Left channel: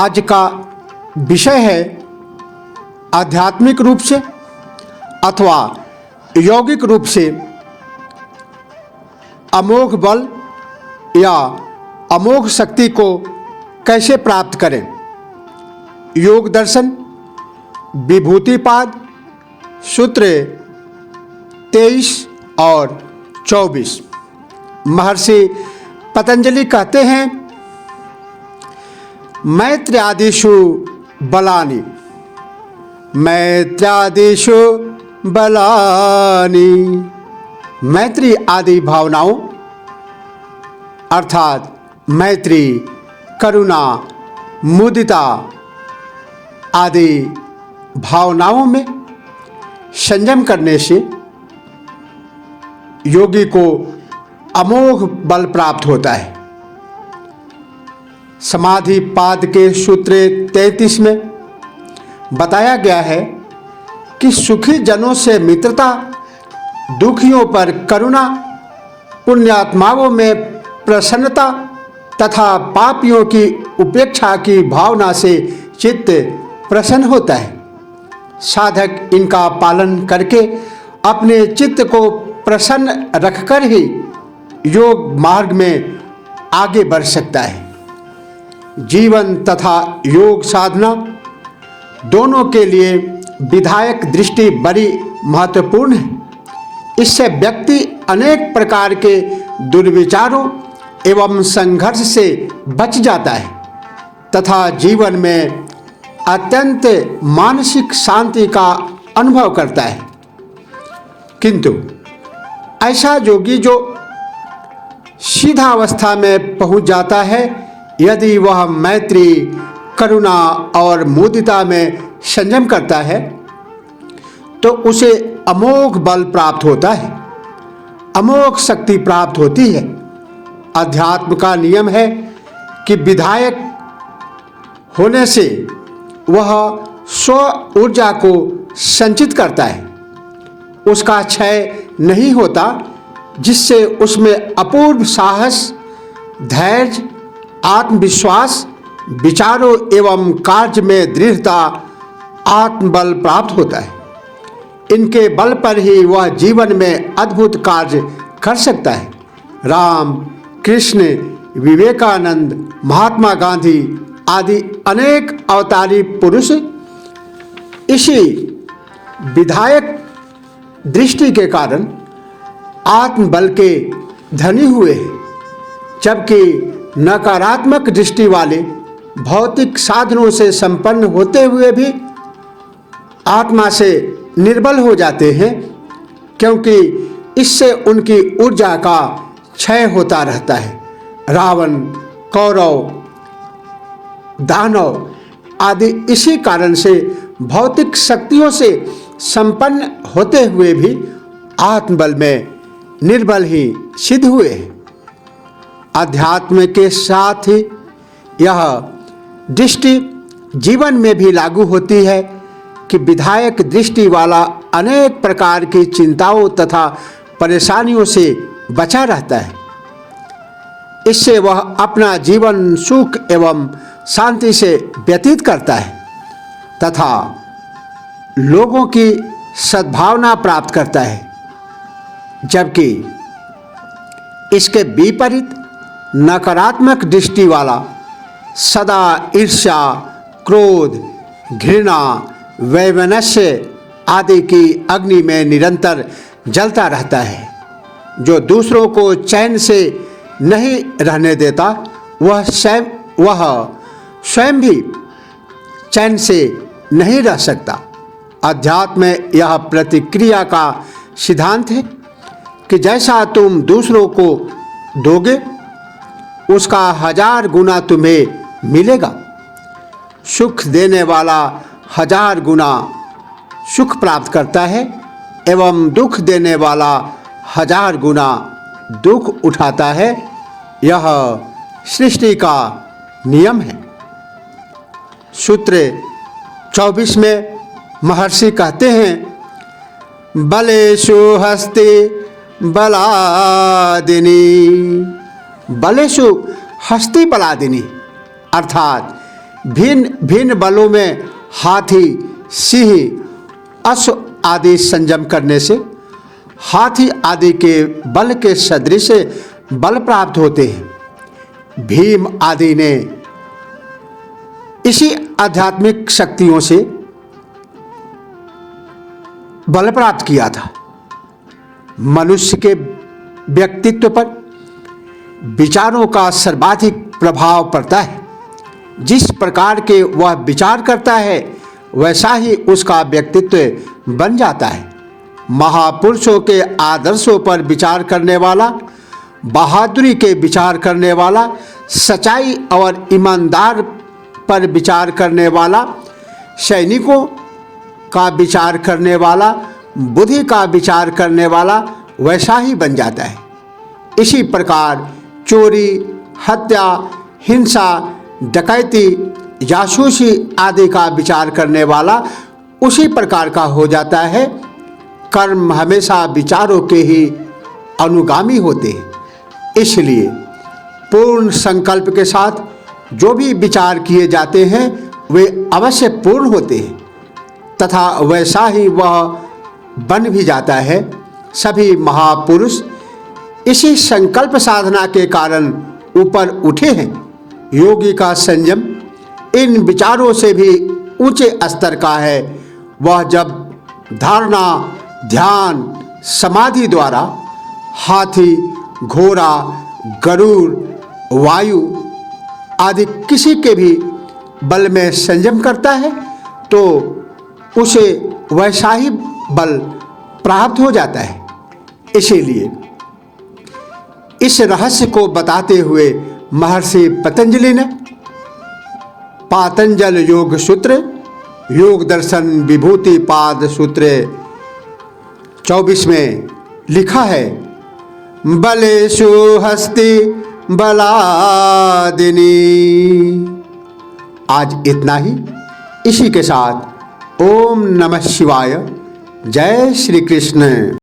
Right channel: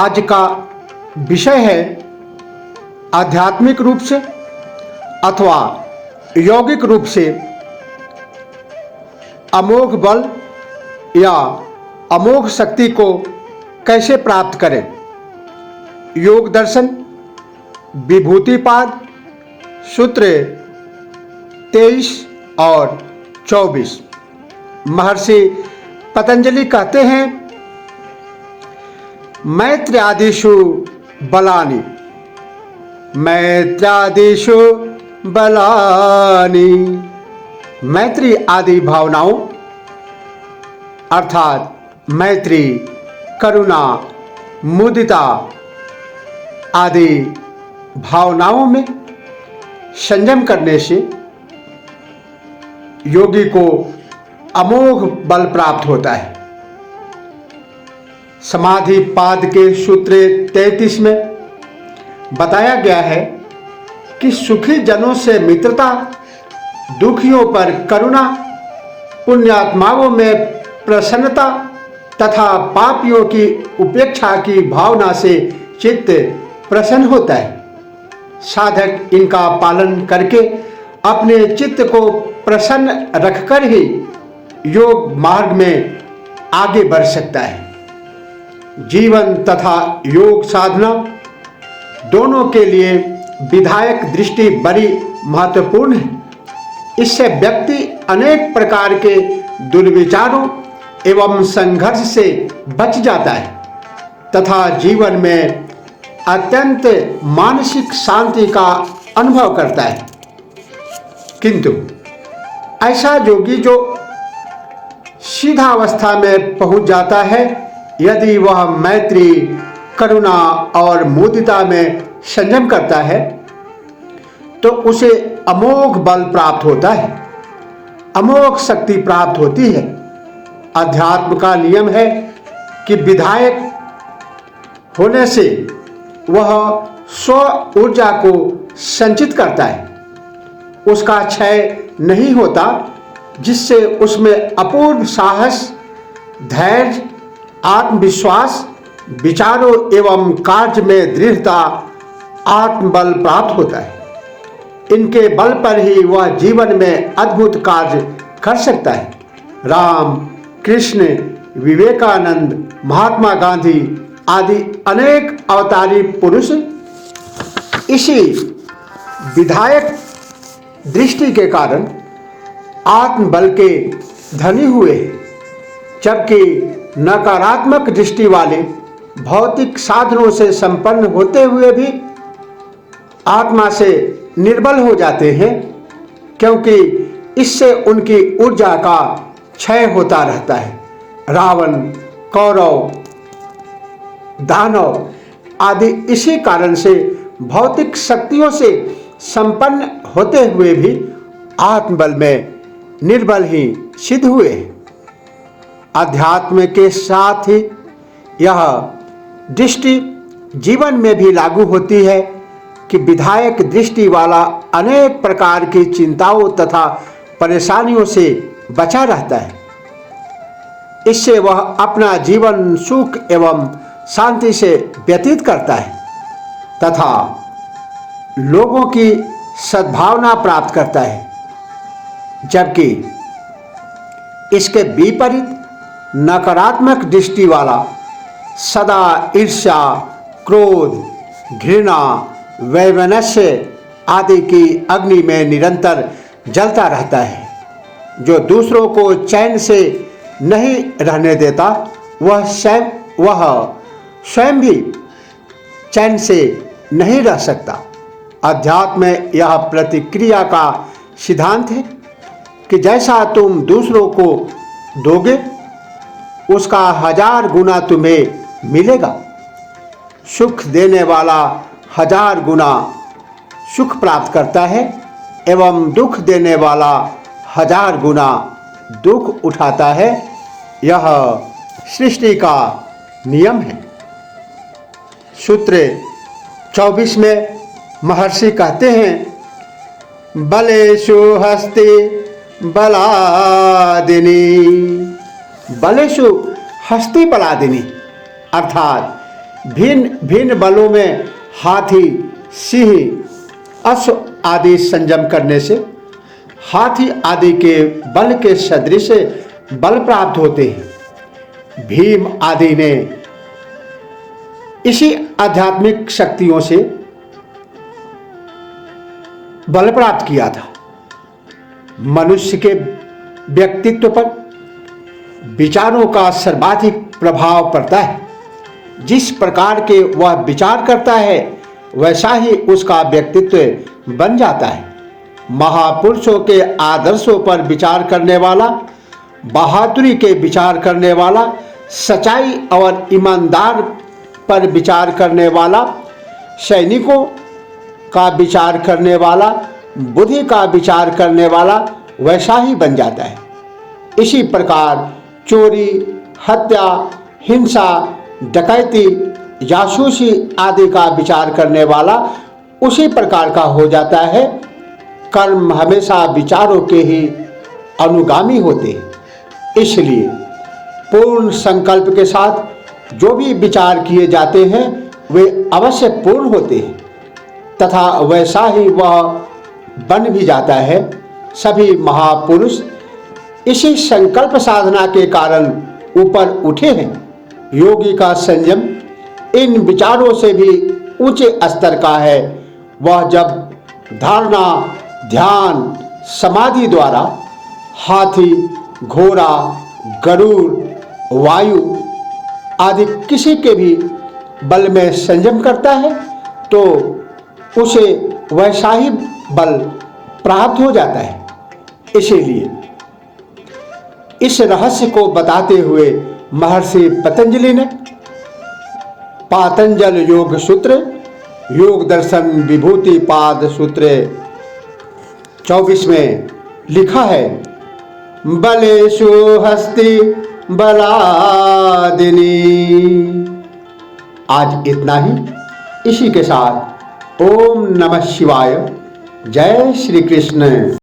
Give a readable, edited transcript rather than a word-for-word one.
आज का विषय है आध्यात्मिक रूप से अथवा यौगिक रूप से अमोघ बल या अमोघ शक्ति को कैसे प्राप्त करें। योग दर्शन विभूतिपाद सूत्र 23 और 24। महर्षि पतंजलि कहते हैं, मैत्र्यादिषु बलानि, मैत्र्यादिषु बलानि। मैत्री आदि भावनाओं अर्थात मैत्री, करुणा, मुदिता आदि भावनाओं में संयम करने से योगी को अमोघ बल प्राप्त होता है। समाधि पाद के सूत्र 33 में बताया गया है कि सुखी जनों से मित्रता, दुखियों पर करुणा, पुण्यात्माओं में प्रसन्नता तथा पापियों की उपेक्षा की भावना से चित्त प्रसन्न होता है। साधक इनका पालन करके अपने चित्त को प्रसन्न रखकर ही योग मार्ग में आगे बढ़ सकता है। जीवन तथा योग साधना दोनों के लिए विधायक दृष्टि बड़ी महत्वपूर्ण है। इससे व्यक्ति अनेक प्रकार के दुर्विचारों एवं संघर्ष से बच जाता है तथा जीवन में अत्यंत मानसिक शांति का अनुभव करता है। किंतु ऐसा योगी जो सीधा अवस्था में पहुंच जाता है, यदि वह मैत्री, करुणा और मुदिता में संयम करता है तो उसे अमोघ बल प्राप्त होता है, अमोघ शक्ति प्राप्त होती है। अध्यात्म का नियम है कि विधायक होने से वह स्व ऊर्जा को संचित करता है, उसका क्षय नहीं होता, जिससे उसमें अपूर्व साहस, धैर्य, आत्मविश्वास, विचारों एवं कार्य में दृढ़ता, आत्मबल प्राप्त होता है। इनके बल पर ही वह जीवन में अद्भुत कार्य कर सकता है। राम, कृष्ण, विवेकानंद, महात्मा गांधी आदि अनेक अवतारी पुरुष इसी विधायक दृष्टि के कारण आत्मबल के धनी हुए हैं, जबकि नकारात्मक दृष्टि वाले भौतिक साधनों से संपन्न होते हुए भी आत्मा से निर्बल हो जाते हैं, क्योंकि इससे उनकी ऊर्जा का क्षय होता रहता है। रावण, कौरव, दानव आदि इसी कारण से भौतिक शक्तियों से संपन्न होते हुए भी आत्मबल में निर्बल ही सिद्ध हुए। अध्यात्म के साथ ही यह दृष्टि जीवन में भी लागू होती है कि विधायक दृष्टि वाला अनेक प्रकार की चिंताओं तथा परेशानियों से बचा रहता है। इससे वह अपना जीवन सुख एवं शांति से व्यतीत करता है तथा लोगों की सद्भावना प्राप्त करता है। जबकि इसके विपरीत नकारात्मक दृष्टि वाला सदा ईर्ष्या, क्रोध, घृणा, वैमनस्य आदि की अग्नि में निरंतर जलता रहता है। जो दूसरों को चैन से नहीं रहने देता, वह स्वयं भी चैन से नहीं रह सकता। अध्यात्म में यह प्रतिक्रिया का सिद्धांत है कि जैसा तुम दूसरों को दोगे, उसका 1000 गुना तुम्हें मिलेगा। सुख देने वाला 1000 गुना सुख प्राप्त करता है एवं दुख देने वाला 1000 गुना दुख उठाता है। यह सृष्टि का नियम है। सूत्र 24 में महर्षि कहते हैं, बलेषु हस्ति बलादिनी। बलेषु हस्ति बलादिनी अर्थात भिन्न भिन्न बलों में हाथी, सिंह, अश्व आदि संयम करने से हाथी आदि के बल के सदृश बल प्राप्त होते हैं। भीम आदि ने इसी आध्यात्मिक शक्तियों से बल प्राप्त किया था। मनुष्य के व्यक्तित्व पर विचारों का सर्वाधिक प्रभाव पड़ता है। जिस प्रकार के वह विचार करता है वैसा ही उसका व्यक्तित्व बन जाता है। महापुरुषों के आदर्शों पर विचार करने वाला, बहादुरी के विचार करने वाला, सच्चाई और ईमानदार पर विचार करने वाला, सैनिकों का विचार करने वाला, बुद्धि का विचार करने वाला वैसा ही बन जाता है। इसी प्रकार चोरी, हत्या, हिंसा, डकैती, जासूसी आदि का विचार करने वाला उसी प्रकार का हो जाता है। कर्म हमेशा विचारों के ही अनुगामी होते हैं। इसलिए पूर्ण संकल्प के साथ जो भी विचार किए जाते हैं वे अवश्य पूर्ण होते हैं तथा वैसा ही वह बन भी जाता है। सभी महापुरुष इसी संकल्प साधना के कारण ऊपर उठे हैं। योगी का संयम इन विचारों से भी ऊंचे स्तर का है। वह जब धारणा, ध्यान, समाधि द्वारा हाथी, घोड़ा, गरुड़, वायु आदि किसी के भी बल में संयम करता है तो उसे वैसा ही बल प्राप्त हो जाता है। इसीलिए इस रहस्य को बताते हुए महर्षि पतंजलि ने पातंजल योग सूत्र, योग दर्शन विभूति पाद सूत्र 24 में लिखा है, बलेषु हस्ति बलादिनी। आज इतना ही। इसी के साथ ओम नमः शिवाय। जय श्री कृष्ण।